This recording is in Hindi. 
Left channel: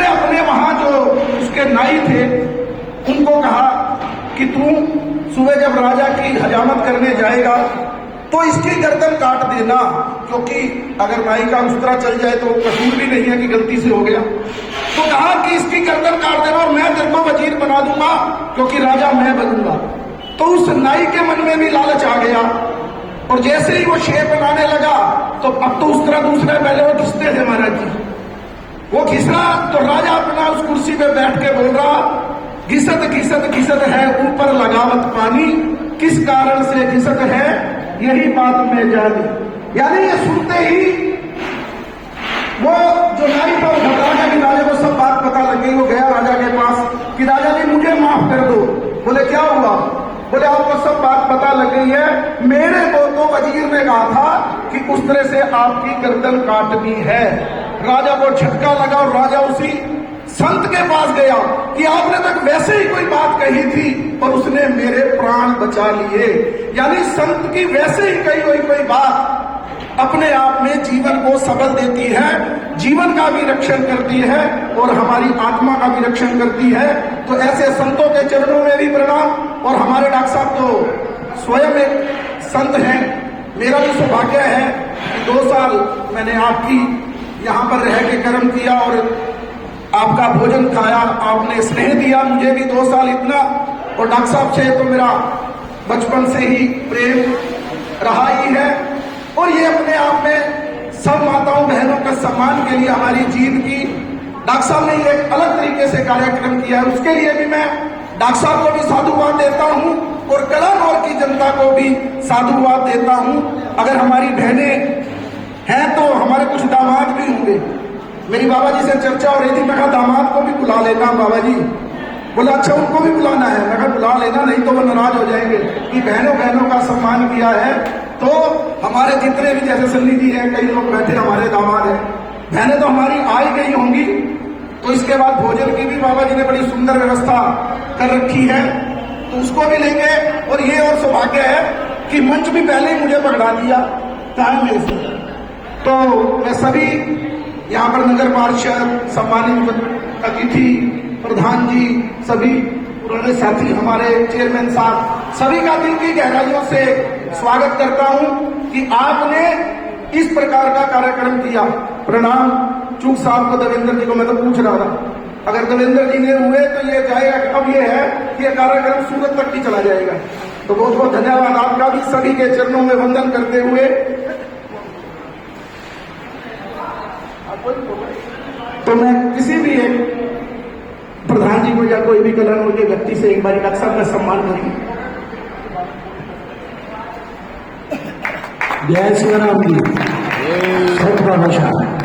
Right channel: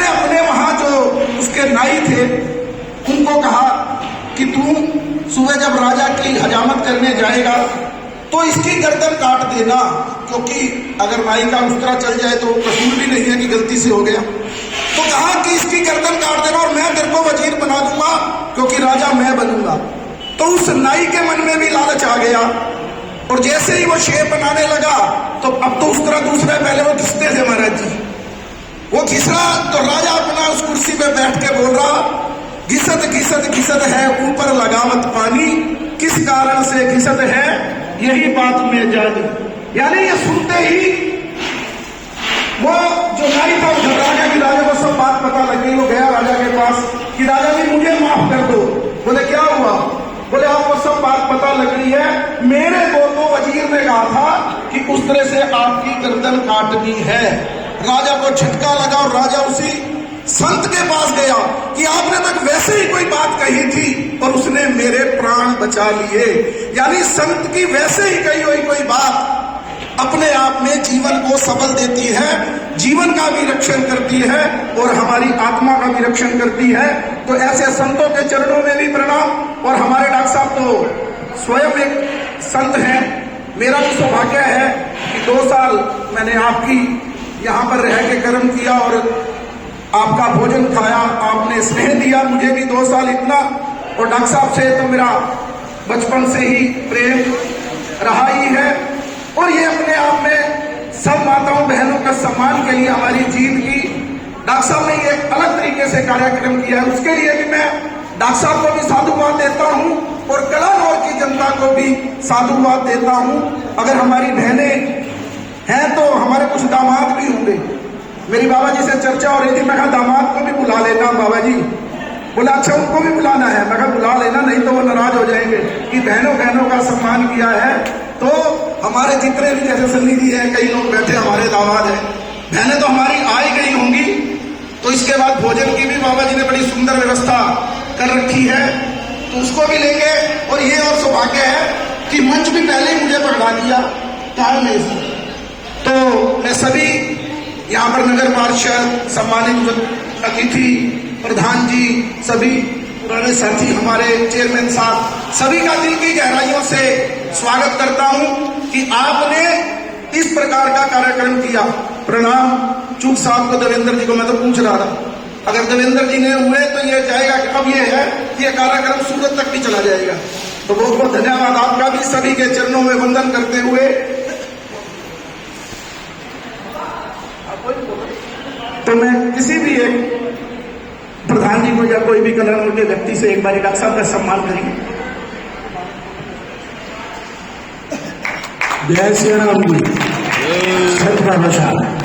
उसने अपने वहां जो उसके नाई थे उनको कहा कि तू सुबह जब राजा की हजामत करने जाएगा तो इसकी गर्दन काट देना, क्योंकि अगर नाई का उस तरह चल जाए तो कसूर भी नहीं है कि गलती से हो गया। तो कहा कि इसकी गर्दन काट देना और मैं तेरे को वजीर बना दूंगा, क्योंकि राजा मैं बनूंगा। तो उस नाई के मन में भी लालच आ गया और जैसे ही वो शेर बनाने लगा तो अब तो उस तरह दूसरे पहले वो घिसते थे महाराज जी, वो घिसरा तो राजा अपना उस कुर्सी पे बैठ के बोल रहा, घिसत घिसत घिसत है ऊपर लगावत पानी, किस कारण से घिसत है यही बात में जानी। यानी ये सुनते ही वो जो नाई था राजा की, राजा को सब बात पता लग गई। वो गया राजा के पास कि राजा जी मुझे माफ कर दो। बोले क्या हुआ? बोले आपको सब बात पता लग गई है, मेरे को तो वजीर ने कहा था कि उस तरह से आपकी गर्दन काटनी है। राजा को झटका लगा और राजा उसी संत के पास गया कि आपने तक वैसे ही कोई बात कही थी और उसने मेरे प्राण बचा लिए। यानी संत की वैसे ही कही हुई कोई बात अपने आप में जीवन को सबल देती है, जीवन का भी रक्षण करती है और हमारी आत्मा का भी रक्षण करती है। तो ऐसे संतों के चरणों में भी प्रणाम। और हमारे डॉक्टर साहब तो स्वयं एक संत हैं। मेरा भी सौभाग्य है कि 2 साल मैंने आपकी यहाँ पर रह के कर्म किया और आपका भोजन खाया, आपने स्नेह दिया मुझे भी 2 साल इतना। और डॉक्टर साहब से तो मेरा बचपन से ही प्रेम रहा ही है। और ये अपने आप में सब माताओं बहनों का सम्मान के लिए हमारी जीत की डॉक्टर साहब ने ये अलग तरीके से कार्यक्रम किया है, उसके लिए भी मैं डॉक्टर साहब को भी साधुवाद देता हूँ और कलानौर की जनता को भी साधुवाद देता हूँ। अगर हमारी बहनें हैं तो हमारे कुछ दामाद भी होंगे। मेरी बाबा जी से चर्चा हो रही थी, मैं कहा दामाद को भी बुला लेना बाबा जी। बोला अच्छा उनको भी बुलाना है? मैं कहा बुला लेना, नहीं तो वो नाराज हो जाएंगे कि बहनों बहनों का सम्मान किया है। तो हमारे जितने भी जैसे सन्नी जी हैं, कई लोग बैठे हमारे दामाद हैं, बहनें तो हमारी आई गई होंगी। तो इसके बाद भोजन की भी बाबा जी ने बड़ी सुंदर व्यवस्था कर रखी है, तो उसको भी लेंगे। और ये और सौभाग्य है कि मंच भी पहले ही मुझे पकड़ा दिया टाइम में। तो मैं सभी यहाँ पर नगर पार्षद, सम्मानित अतिथि, प्रधान जी, सभी पुराने साथी, हमारे चेयरमैन साहब, सभी का दिल की गहराइयों से स्वागत करता हूँ कि आपने इस प्रकार का कार्यक्रम किया। प्रणाम चूक साहब को, देवेंद्र जी को मैं तो पूछ रहा था, अगर देवेंद्र जी ने हुए तो ये जाएगा कि अब ये है कि ये कार्यक्रम सूरत तक भी चला जाएगा। तो बहुत बहुत धन्यवाद आपका भी, सभी के चरणों में वंदन करते हुए। तो मैं किसी भी एक प्रधान जी को या कोई भी कलाकार के व्यक्ति से एक बार डॉक्टर साहब का सम्मान करेंगे। जय श्री राम जी, सबका बचा।